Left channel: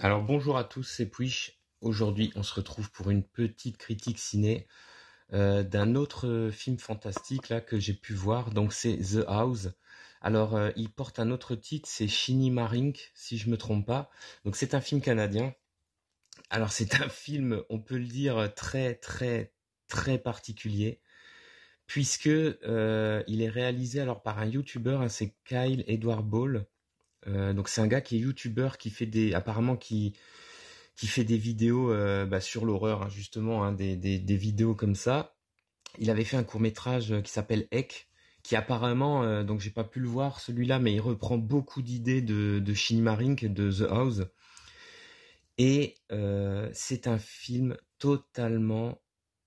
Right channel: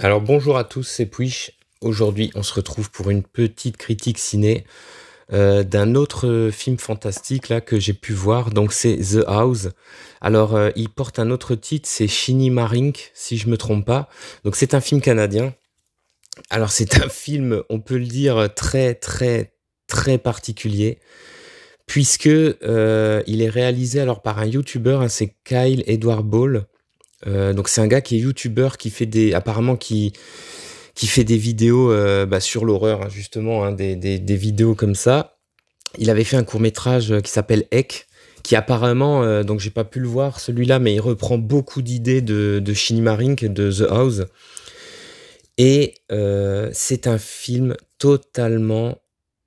Alors bonjour à tous, c'est Puish. Aujourd'hui, on se retrouve pour une petite critique ciné d'un autre film fantastique là que j'ai pu voir. Donc c'est The House. Alors il porte un autre titre, c'est Shinny Marink, si je me trompe pas. Donc c'est un film canadien. Alors c'est un film, on peut le dire très très très particulier puisque il est réalisé alors par un YouTuber, hein, c'est Kyle Edward Ball. Donc c'est un gars qui est YouTuber qui fait des apparemment qui fait des vidéos sur l'horreur, hein, justement, hein, des vidéos comme ça. Il avait fait un court-métrage qui s'appelle Ek, qui apparemment, donc j'ai pas pu le voir celui-là, mais il reprend beaucoup d'idées de Shinny Marink, de The House. Et c'est un film totalement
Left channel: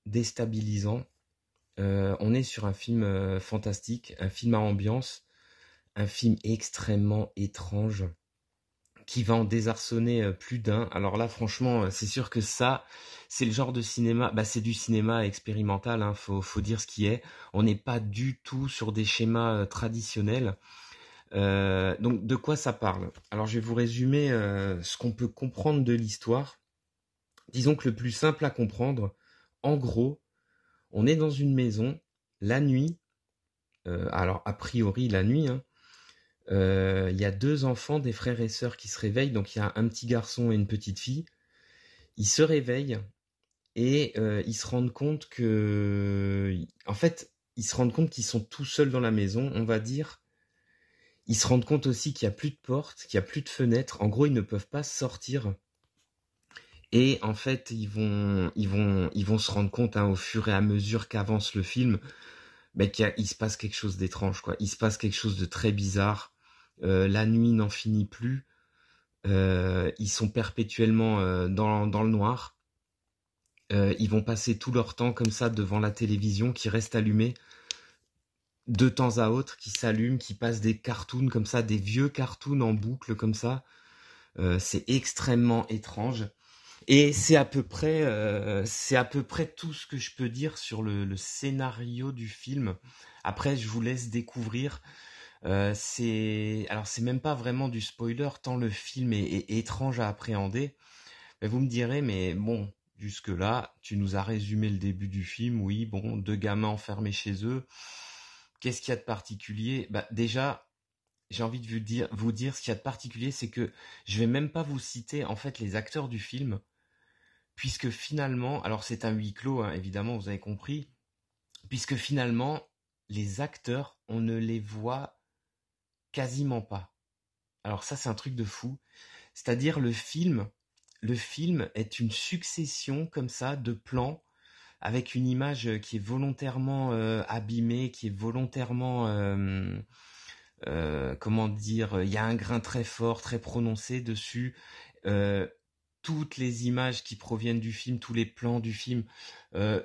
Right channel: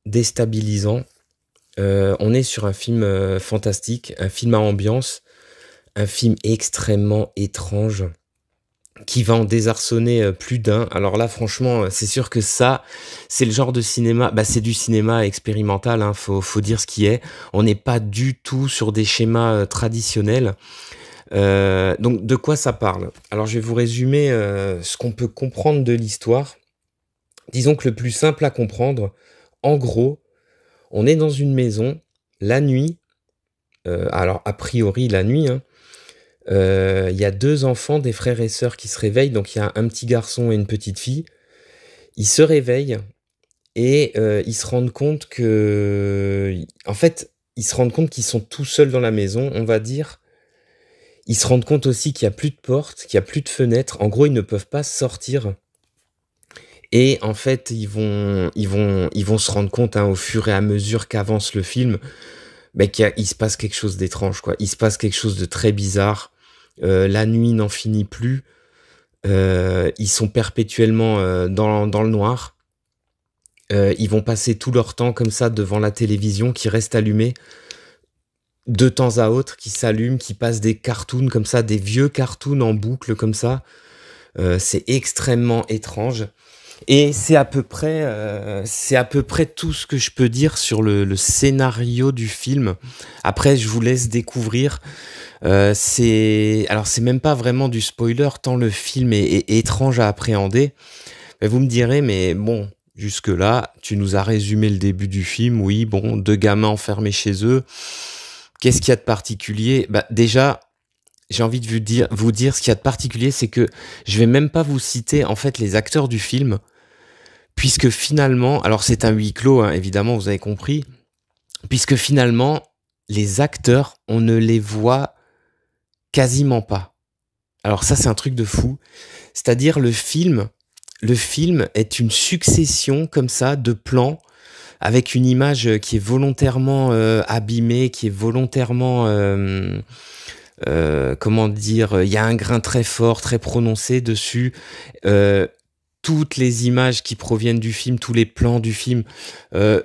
déstabilisant. On est sur un film fantastique, un film à ambiance, un film extrêmement étrange qui va en désarçonner plus d'un. Alors là, franchement, c'est sûr que ça, c'est le genre de cinéma, c'est du cinéma expérimental, hein, faut dire ce qui est. On n'est pas du tout sur des schémas traditionnels. Donc, de quoi ça parle? Alors, je vais vous résumer ce qu'on peut comprendre de l'histoire. Disons que le plus simple à comprendre, en gros, on est dans une maison, la nuit, alors a priori la nuit, hein, il y a deux enfants, des frères et sœurs qui se réveillent. Donc il y a un petit garçon et une petite fille. Ils se réveillent et ils se rendent compte que, en fait, ils se rendent compte qu'ils sont tout seuls dans la maison, on va dire. Ils se rendent compte aussi qu'il n'y a plus de porte, qu'il n'y a plus de fenêtre. En gros, ils ne peuvent pas sortir. Et en fait, ils vont se rendre compte, hein, au fur et à mesure qu'avance le film, il se passe quelque chose d'étrange, quoi. Il se passe quelque chose de très bizarre. La nuit n'en finit plus. Ils sont perpétuellement dans le noir. Ils vont passer tout leur temps comme ça devant la télévision qui reste allumée de temps à autre, qui s'allume, qui passe des cartoons comme ça, des vieux cartoons en boucle comme ça. C'est extrêmement étrange. Et c'est à peu près tout ce que je peux dire sur le scénario du film. Après, je vous laisse découvrir. Alors c'est même pas vraiment du spoiler tant le film est étrange à appréhender. Mais vous me direz, mais bon, jusque-là, tu nous as résumé le début du film. Oui, bon, deux gamins enfermés chez eux. Qu'est-ce qu'il y a de particulier? Bah déjà, j'ai envie de vous dire ce qu'il y a de particulier, c'est que je vais même pas vous citer en fait les acteurs du film, puisque finalement, alors c'est un huis clos, hein, évidemment, vous avez compris, puisque finalement les acteurs, on ne les voit quasiment pas. Alors ça, c'est un truc de fou. C'est-à-dire le film est une succession comme ça de plans avec une image qui est volontairement abîmée, qui est volontairement, comment dire, il y a un grain très fort, très prononcé dessus. Euh, Toutes les images qui proviennent du film, tous les plans du film euh,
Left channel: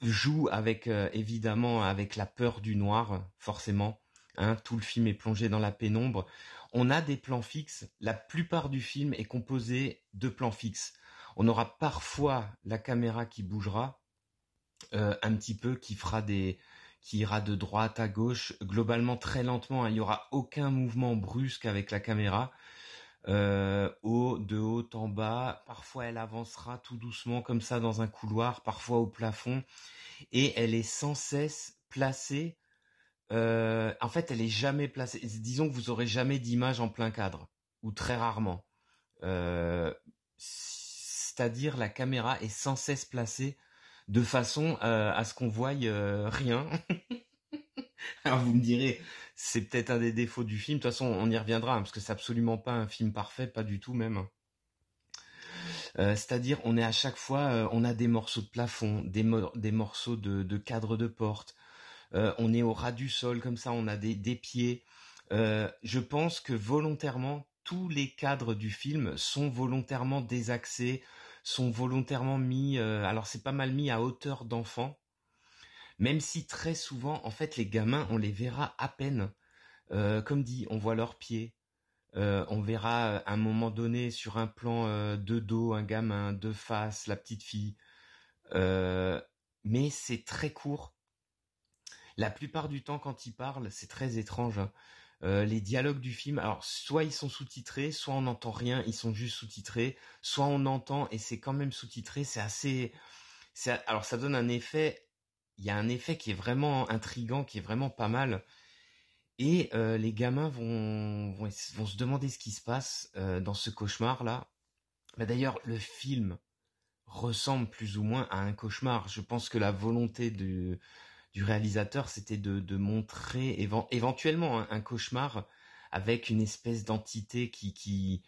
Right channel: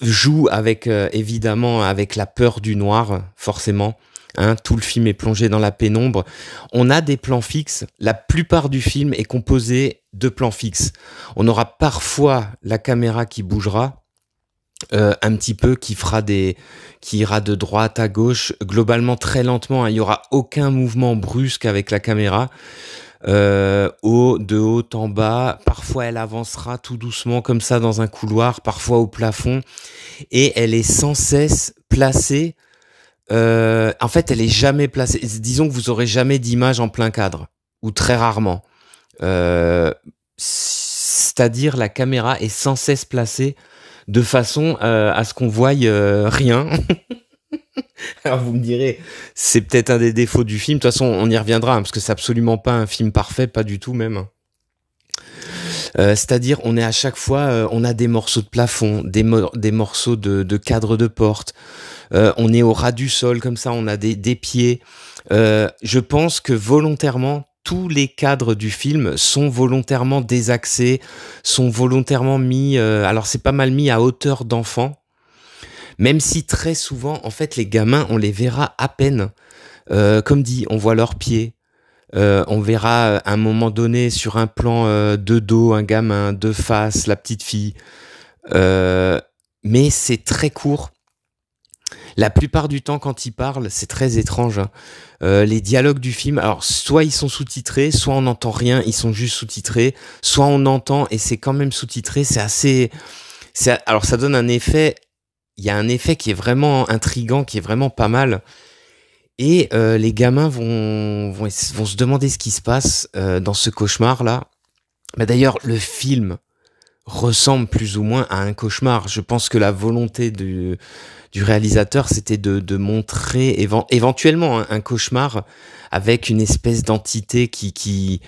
jouent avec, évidemment, avec la peur du noir, forcément. Hein, tout le film est plongé dans la pénombre. On a des plans fixes. La plupart du film est composé de plans fixes. On aura parfois la caméra qui bougera, un petit peu, qui ira de droite à gauche, globalement très lentement, hein. Il y aura aucun mouvement brusque avec la caméra. De haut en bas, parfois elle avancera tout doucement comme ça dans un couloir, parfois au plafond, et elle est sans cesse placée. En fait, elle est jamais placée. Disons que vous aurez jamais d'image en plein cadre, ou très rarement. C'est-à-dire la caméra est sans cesse placée de façon à ce qu'on voie rien. Alors vous me direz, c'est peut-être un des défauts du film. De toute façon, on y reviendra, hein, parce que c'est absolument pas un film parfait, pas du tout même. C'est-à-dire, on est à chaque fois, on a des morceaux de plafond, des morceaux de cadre de porte. On est au ras du sol, comme ça, on a des pieds. Je pense que volontairement, tous les cadres du film sont volontairement désaxés, sont volontairement mis. Alors, c'est pas mal mis à hauteur d'enfant, même si très souvent, en fait, les gamins, on les verra à peine. Comme dit, on voit leurs pieds. On verra à un moment donné sur un plan de dos un gamin, de face la petite fille. Mais c'est très court. La plupart du temps, quand ils parlent, c'est très étrange, hein. Les dialogues du film, alors soit ils sont sous-titrés, soit on n'entend rien, ils sont juste sous-titrés, soit on entend et c'est quand même sous-titré. C'est assez, alors ça donne un effet. Il y a un effet qui est vraiment intriguant, qui est vraiment pas mal. Et les gamins vont se demander ce qui se passe dans ce cauchemar-là. Bah, d'ailleurs, le film ressemble plus ou moins à un cauchemar. Je pense que la volonté du réalisateur, c'était de montrer éventuellement un cauchemar avec une espèce d'entité qui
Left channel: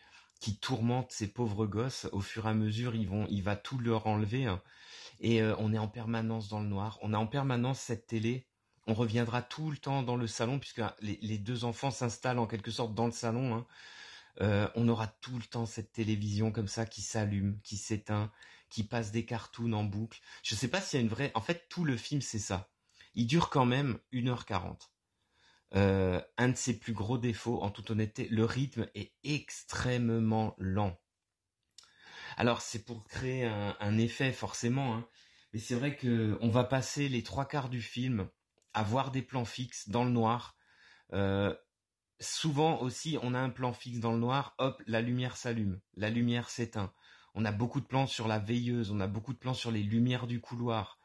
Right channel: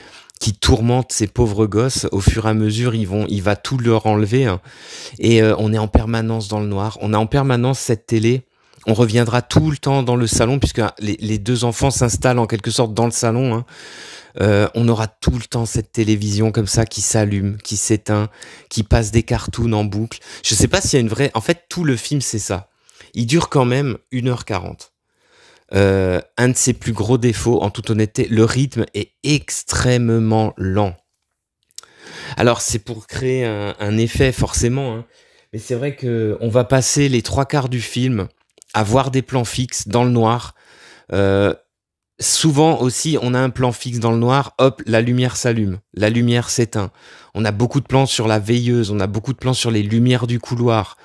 tourmente ces pauvres gosses. Au fur et à mesure, il va tout leur enlever, hein. Et on est en permanence dans le noir. On a en permanence cette télé. On reviendra tout le temps dans le salon, puisque les deux enfants s'installent en quelque sorte dans le salon, hein. On aura tout le temps cette télévision comme ça qui s'allume, qui s'éteint, qui passe des cartoons en boucle. Je sais pas s'il y a une vraie... En fait, tout le film, c'est ça. Il dure quand même 1h40. Un de ses plus gros défauts, en toute honnêteté, le rythme est extrêmement lent. Alors, c'est pour créer un effet, forcément, hein. Mais c'est vrai qu'on va passer les 3 quarts du film à voir des plans fixes dans le noir. Euh, Souvent aussi, on a un plan fixe dans le noir, hop, la lumière s'allume, la lumière s'éteint. On a beaucoup de plans sur la veilleuse, on a beaucoup de plans sur les lumières du couloir.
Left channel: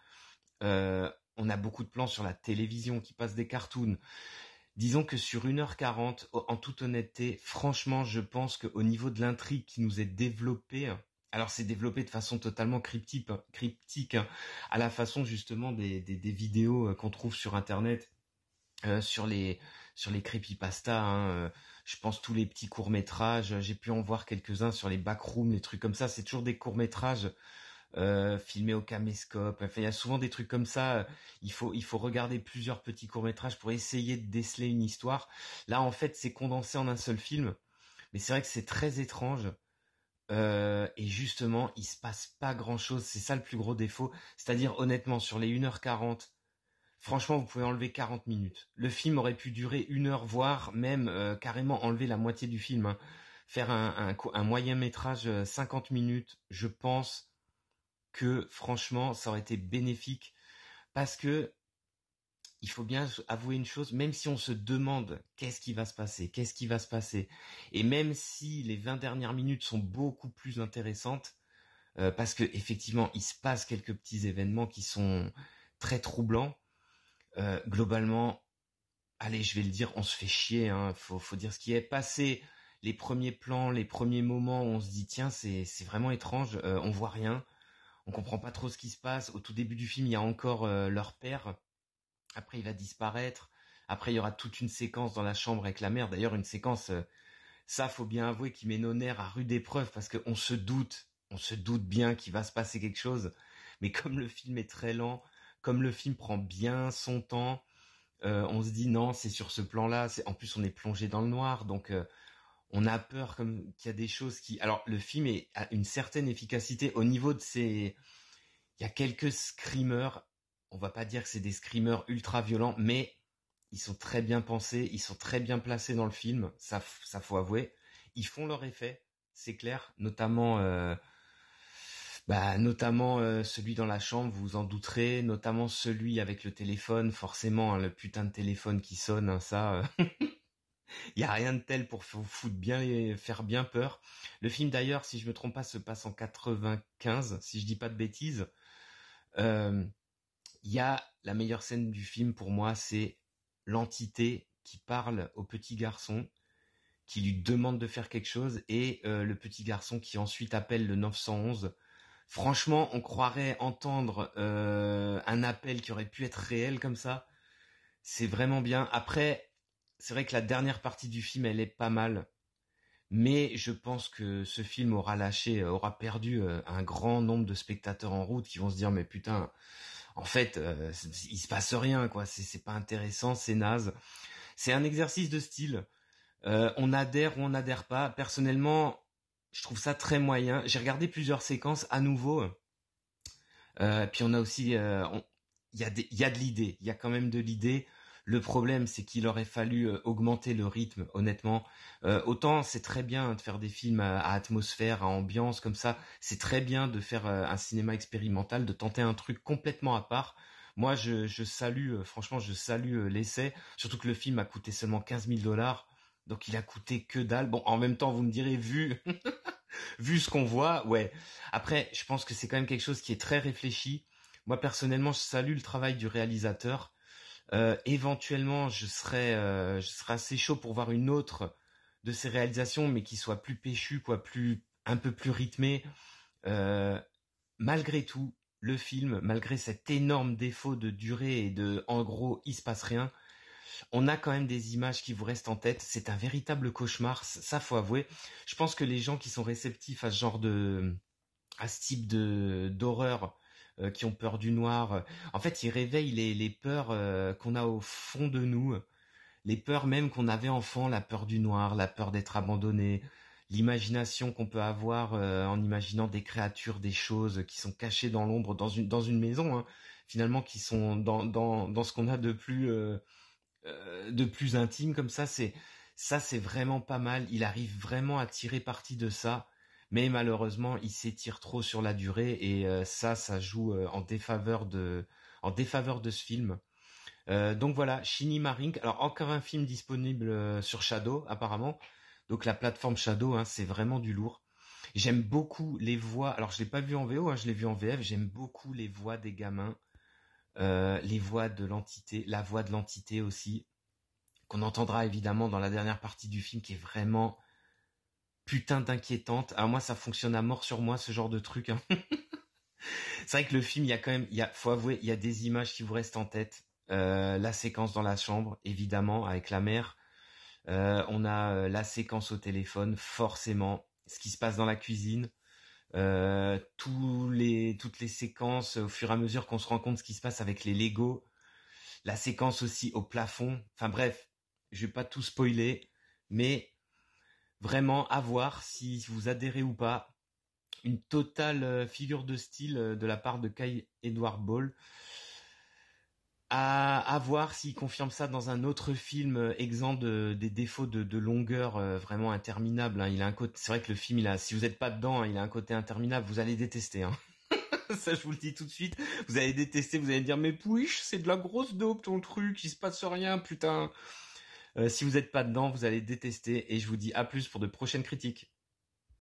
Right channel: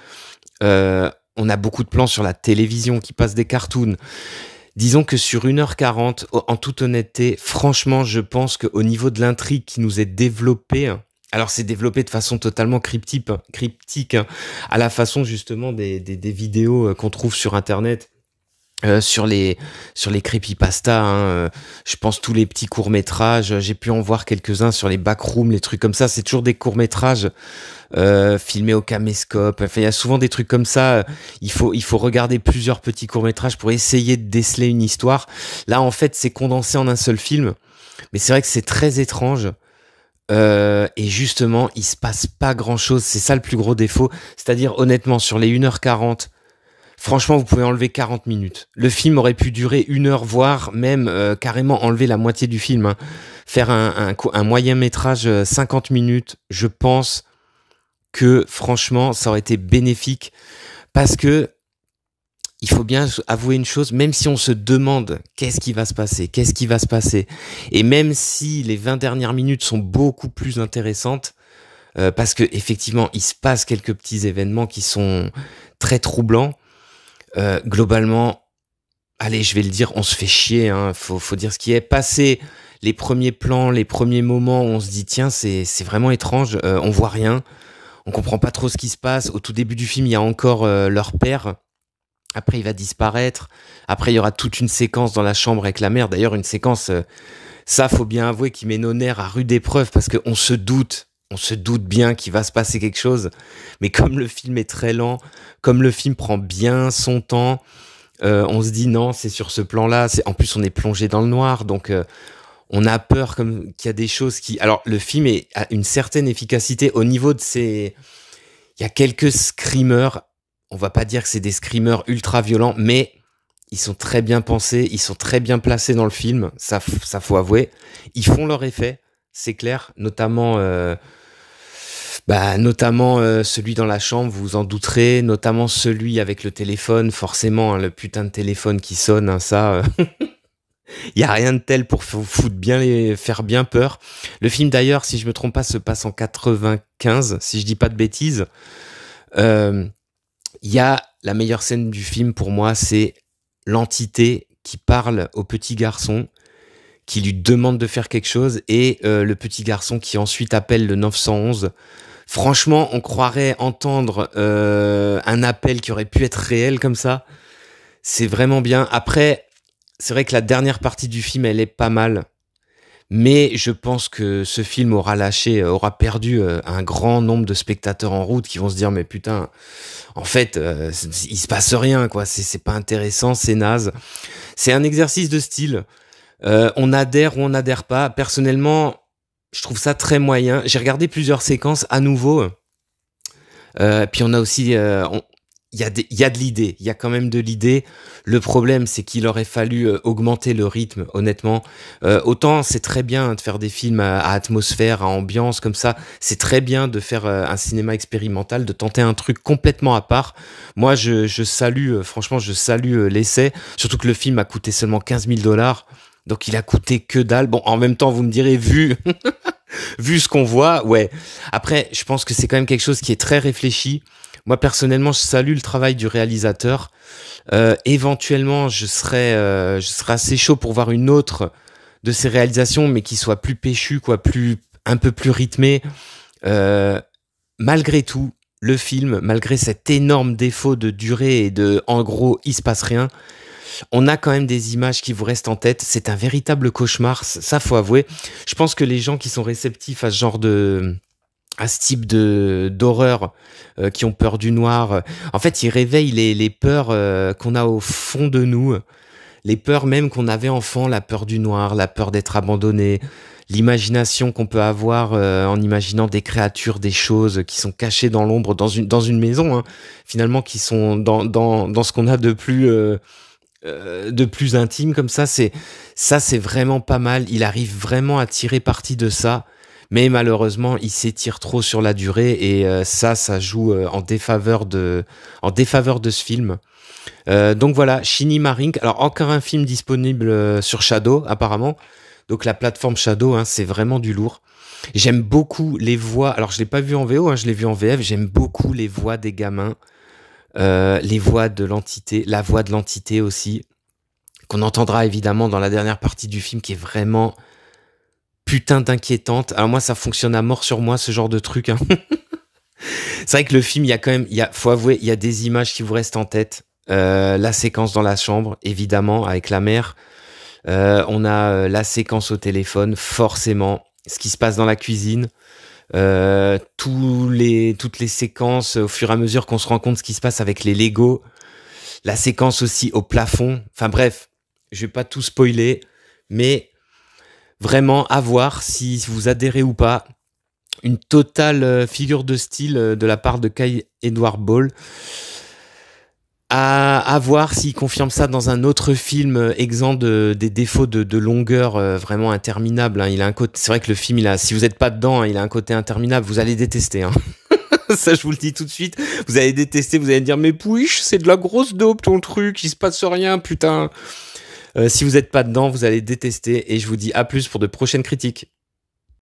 On a beaucoup de plans sur la télévision qui passe des cartoons. Disons que sur 1h40, en toute honnêteté, franchement, je pense qu'au niveau de l'intrigue qui nous est développée, alors c'est développé de façon totalement cryptique, hein, à la façon justement des vidéos qu'on trouve sur Internet. Sur les creepypasta, hein, je pense tous les petits courts-métrages, j'ai pu en voir quelques-uns sur les backrooms, les trucs comme ça, c'est toujours des courts-métrages filmés au caméscope. Enfin, il y a souvent des trucs comme ça, il faut regarder plusieurs petits courts-métrages pour essayer de déceler une histoire. Là, en fait, c'est condensé en un seul film, mais c'est vrai que c'est très étrange. Et justement, il se passe pas grand-chose, c'est ça le plus gros défaut. C'est-à-dire, honnêtement, sur les 1h40, franchement, vous pouvez enlever 40 minutes. Le film aurait pu durer 1 heure, voire même carrément enlever la moitié du film, hein. Faire un moyen métrage 50 minutes, je pense que franchement, ça aurait été bénéfique. Parce que il faut bien avouer une chose, même si on se demande qu'est-ce qui va se passer, qu'est-ce qui va se passer, et même si les 20 dernières minutes sont beaucoup plus intéressantes, parce que effectivement, il se passe quelques petits événements qui sont très troublants. Globalement, allez, je vais le dire, on se fait chier, hein, faut dire ce qui est. Passé les premiers plans, les premiers moments, on se dit tiens, c'est vraiment étrange, on voit rien, on comprend pas trop ce qui se passe. Au tout début du film, il y a encore leur père. Après, il va disparaître. Après, il y aura toute une séquence dans la chambre avec la mère. D'ailleurs, une séquence, ça, faut bien avouer, qui met nos nerfs à rude épreuve parce qu'on on se doute bien qu'il va se passer quelque chose. Mais comme le film est très lent, comme le film prend bien son temps, on se dit non, c'est sur ce plan-là. En plus, on est plongé dans le noir, donc on a peur comme qu'il y a des choses qui. Alors, le film a une certaine efficacité au niveau de ses. Il y a quelques screamers. On va pas dire que c'est des screamers ultra violents, mais ils sont très bien pensés, ils sont très bien placés dans le film. Ça faut avouer. Ils font leur effet, c'est clair. Notamment celui dans la chambre, vous vous en douterez, notamment celui avec le téléphone, forcément, hein, le putain de téléphone qui sonne, hein, ça, il y a rien de tel pour faire bien peur. Le film d'ailleurs, si je me trompe pas, se passe en 95, si je dis pas de bêtises. Euh, Il y a la meilleure scène du film pour moi, c'est l'entité qui parle au petit garçon, qui lui demande de faire quelque chose, et le petit garçon qui ensuite appelle le 911. Franchement, on croirait entendre un appel qui aurait pu être réel comme ça. C'est vraiment bien. Après, c'est vrai que la dernière partie du film, elle est pas mal. Mais je pense que ce film aura perdu un grand nombre de spectateurs en route qui vont se dire mais putain, en fait, il se passe rien quoi. C'est pas intéressant, c'est naze. C'est un exercice de style. On adhère ou on n'adhère pas. Personnellement, je trouve ça très moyen. J'ai regardé plusieurs séquences à nouveau. Puis on a aussi, il y a de l'idée, il y a quand même de l'idée. Le problème, c'est qu'il aurait fallu augmenter le rythme, honnêtement. Autant c'est très bien de faire des films à atmosphère, à ambiance comme ça. C'est très bien de faire un cinéma expérimental, de tenter un truc complètement à part. Moi, je salue, franchement, je salue l'essai. Surtout que le film a coûté seulement 15 000 $. Donc il a coûté que dalle. Bon, en même temps, vous me direz, vu, vu ce qu'on voit, ouais. Après, je pense que c'est quand même quelque chose qui est très réfléchi. Moi, personnellement, je salue le travail du réalisateur. Éventuellement, je serais assez chaud pour voir une autre de ses réalisations, mais qui soit plus péchue, quoi, un peu plus rythmée. Euh, Malgré tout, le film, malgré cet énorme défaut de durée et de, en gros, il se passe rien, on a quand même des images qui vous restent en tête. C'est un véritable cauchemar, ça faut avouer. Je pense que les gens qui sont réceptifs à à ce type de d'horreur, qui ont peur du noir, en fait, ils réveillent les peurs qu'on a au fond de nous, les peurs même qu'on avait enfant, la peur du noir, la peur d'être abandonné, l'imagination qu'on peut avoir en imaginant des créatures, des choses qui sont cachées dans l'ombre, dans une maison, hein, finalement, qui sont dans ce qu'on a de plus intime comme ça. C'est vraiment pas mal. Il arrive vraiment à tirer parti de ça. Mais malheureusement, il s'étire trop sur la durée et ça joue en défaveur de ce film. Donc voilà, Shinny Marink. Alors encore un film disponible sur Shadow apparemment. Donc la plateforme Shadow, hein, c'est vraiment du lourd. J'aime beaucoup les voix. Alors je l'ai pas vu en VO, hein, je l'ai vu en VF. J'aime beaucoup les voix des gamins, les voix de l'entité, la voix de l'entité aussi, qu'on entendra évidemment dans la dernière partie du film, qui est vraiment putain d'inquiétante. Alors moi, ça fonctionne à mort sur moi, ce genre de truc, hein. C'est vrai que le film, il y a quand même, faut avouer, il y a des images qui vous restent en tête. La séquence dans la chambre, évidemment, avec la mère. On a la séquence au téléphone, forcément. Ce qui se passe dans la cuisine. Toutes les séquences au fur et à mesure qu'on se rend compte ce qui se passe avec les Lego. La séquence aussi au plafond. Enfin bref, je vais pas tout spoiler, mais vraiment à voir si vous adhérez ou pas. Une totale figure de style de la part de Kai Edward Ball. À voir s'il confirme ça dans un autre film exempt des défauts de longueur vraiment interminable, hein. C'est vrai que le film, si vous n'êtes pas dedans, hein, il a un côté interminable. Vous allez détester, hein. Ça, je vous le dis tout de suite. Vous allez détester, vous allez dire, mais pouiche, c'est de la grosse dope ton truc, il se passe rien, putain. Si vous n'êtes pas dedans, vous allez détester. Et je vous dis à plus pour de prochaines critiques.